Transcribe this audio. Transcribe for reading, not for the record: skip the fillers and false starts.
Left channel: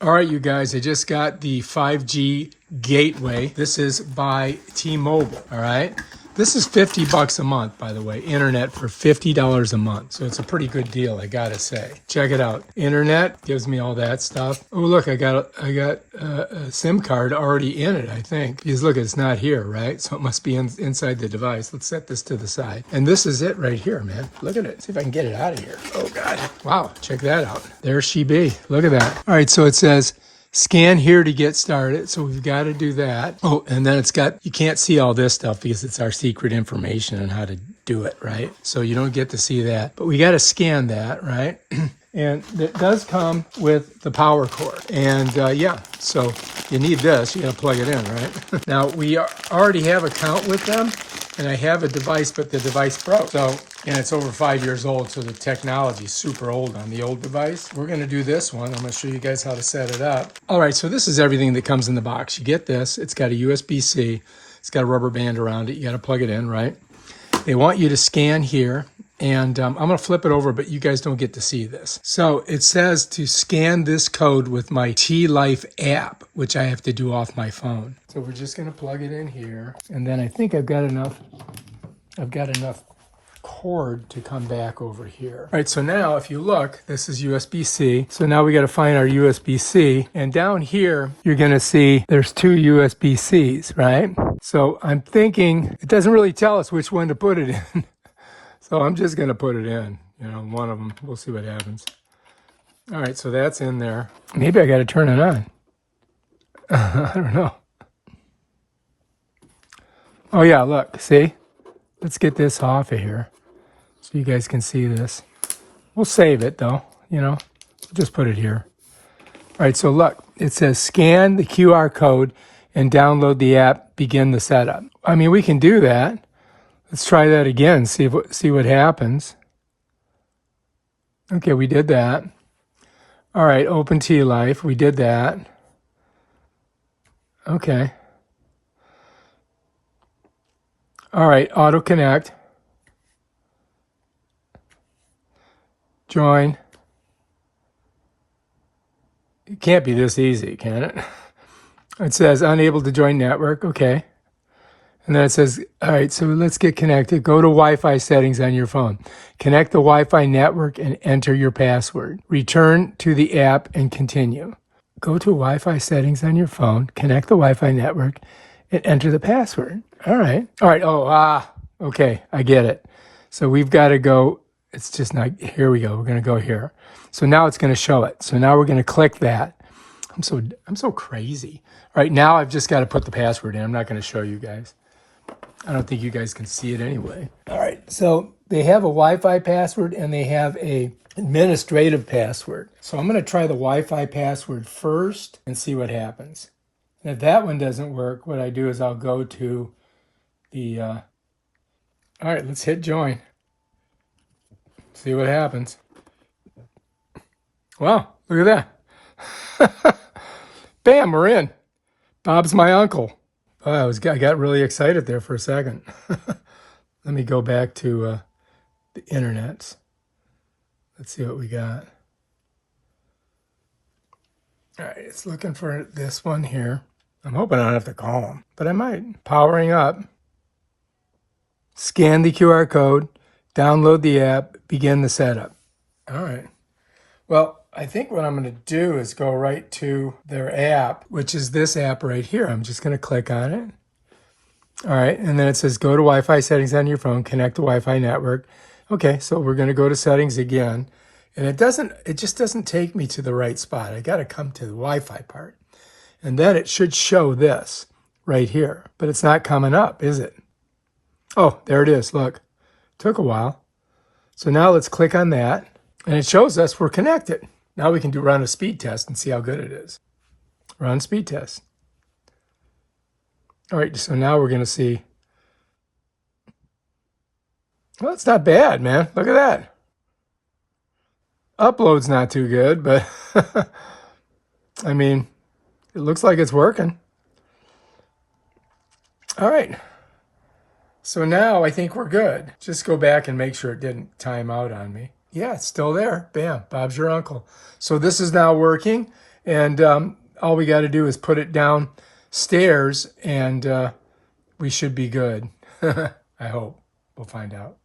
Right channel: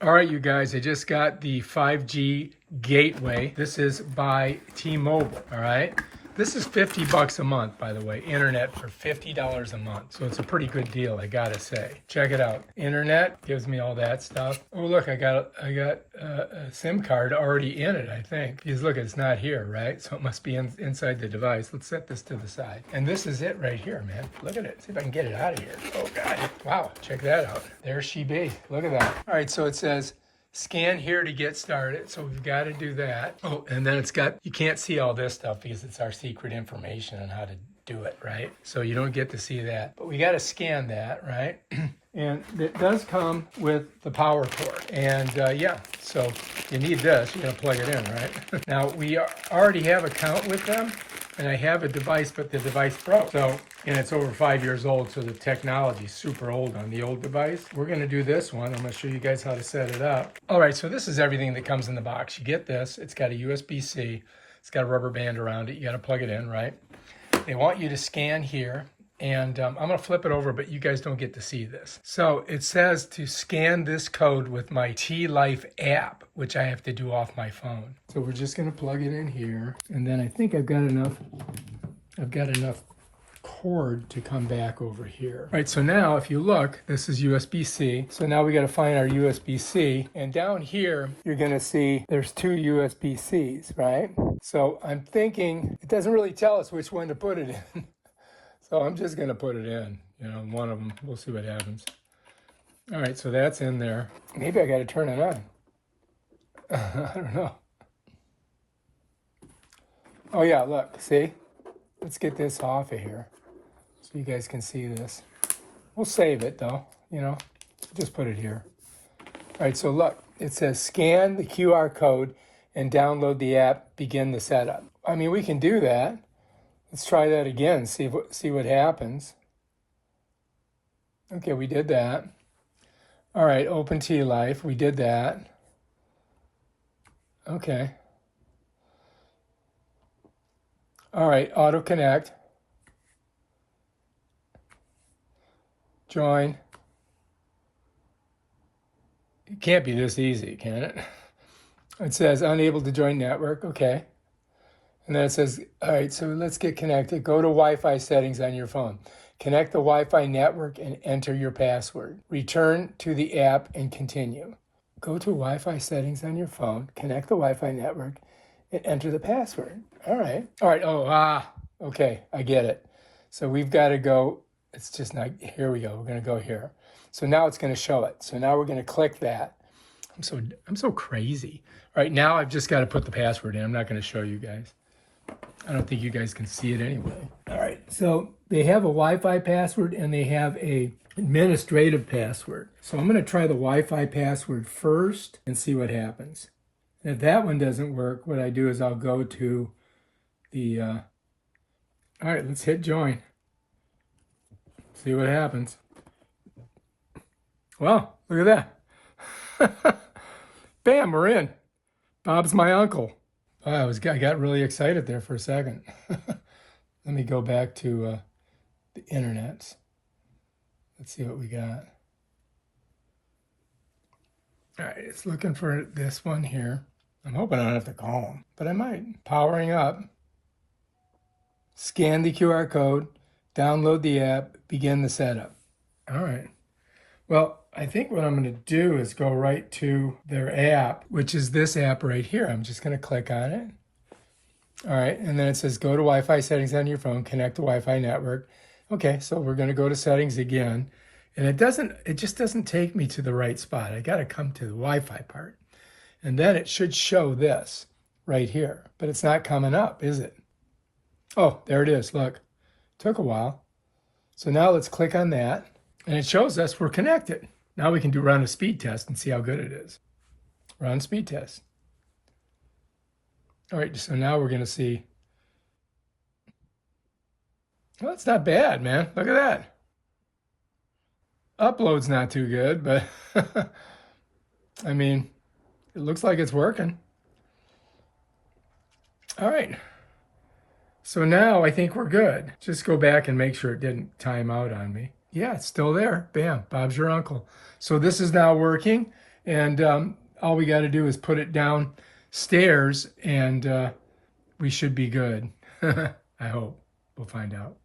All right, you guys, I just got the 5G gateway. This is by T-Mobile, all right? This is $50 a month, by the way. Internet for $50 a month. So it's a pretty good deal, I gotta say. Check it out. Internet gives me all that stuff. Oh, look, I got a SIM card already in it, I think. Because look, it's not here, right? So it must be inside the device. Let's set this to the side. And this is it right here, man. Look at it. See if I can get it out of here. Oh, God. Wow, check that out. There she be. Look at that. All right, so it says, scan here to get started. So we've got to do that. Oh, and then it's got, you can't see all this stuff because it's our secret information on how to do it, right? So you don't get to see that. But we got to scan that, right? And it does come with the power cord. And yeah, so you need this. You got to plug it in, right? Now, we already have an account with them. And I have a device, but the device broke. So, and it's over 5 years old, so the technology is super old on the old device. We're gonna do this one. I'm gonna show you guys how to set it up. All right, so this is everything that comes in the box. You get this, it's got a USB-C, it's got a rubber band around it. You gotta plug it in, right? They want you to scan here. And I'm going to flip it over, but you guys don't get to see this. So it says to scan this code with my T-Life app, which I have to do off my phone. So we're just going to plug it in here. And then I think I've got enough cord to come back over here. All right, so now if you look, this is USB-C. So now we got to find our USB-C. And down here, you're going to see there's two USB-Cs, right? So I'm thinking, it doesn't really tell us which one to put it in. So I'm just going to put it in, one of them. We'll see what happens. All right, so that's in there. Maybe I got to turn it on. I don't know. Oh, yeah, look, see? Let's get this off of here so you guys can see this. We'll save it, though, Just put it here. All right, so look, it says scan the QR code and download the app, begin the setup. I mean, we can do that. Let's try that again, see what happens. Okay, we did that. All right, open T-Life, we did that. Okay. All right, auto connect. Join. It can't be this easy, can it? It says unable to join network, okay. And then it says, all right, so let's get connected. Go to Wi-Fi settings on your phone. Connect the Wi-Fi network and enter your password. Return to the app and continue. Go to Wi-Fi settings on your phone, connect the Wi-Fi network, and enter the password. All right. All right. Okay, I get it. So we've got to go, it's just not, here we go. We're going to go here. So now it's going to show it. So now we're going to click that. I'm so crazy. All right, now I've just got to put the password in. I'm not going to show you guys. I don't think you guys can see it anyway. All right, so they have a Wi-Fi password and they have a administrative password. So I'm going to try the Wi-Fi password first and see what happens. And if that one doesn't work, what I do is I'll go to the, all right, let's hit join. See what happens. Wow, look at that. Bam, we're in. Bob's my uncle. Oh, I got really excited there for a second. Let me go back to the internet. Let's see what we got. All right, it's looking for this one here. I'm hoping I don't have to call him, but I might. Powering up. Scan the QR code, download the app, begin the setup. All right. Well, I think what I'm going to do is go right to their app, which is this app right here. I'm just going to click on it. All right, and then it says go to Wi-Fi settings on your phone, connect to Wi-Fi network. Okay, so we're going to go to settings again. And it just doesn't take me to the right spot. I got to come to the Wi-Fi part. And then it should show this right here, but it's not coming up, is it? Oh, there it is. Look, took a while. So now let's click on that and it shows us we're connected. Now we can run a speed test and see how good it is. Run speed test. All right, so now we're going to see. Well, it's not bad, man. Look at that. Upload's not too good, but I mean, it looks like it's working. All right. So now I think we're good. Just go back and make sure it didn't time out on me. Yeah, it's still there. Bam, Bob's your uncle. So this is now working. And all we got to do is put it downstairs, and we should be good. I hope. We'll find out.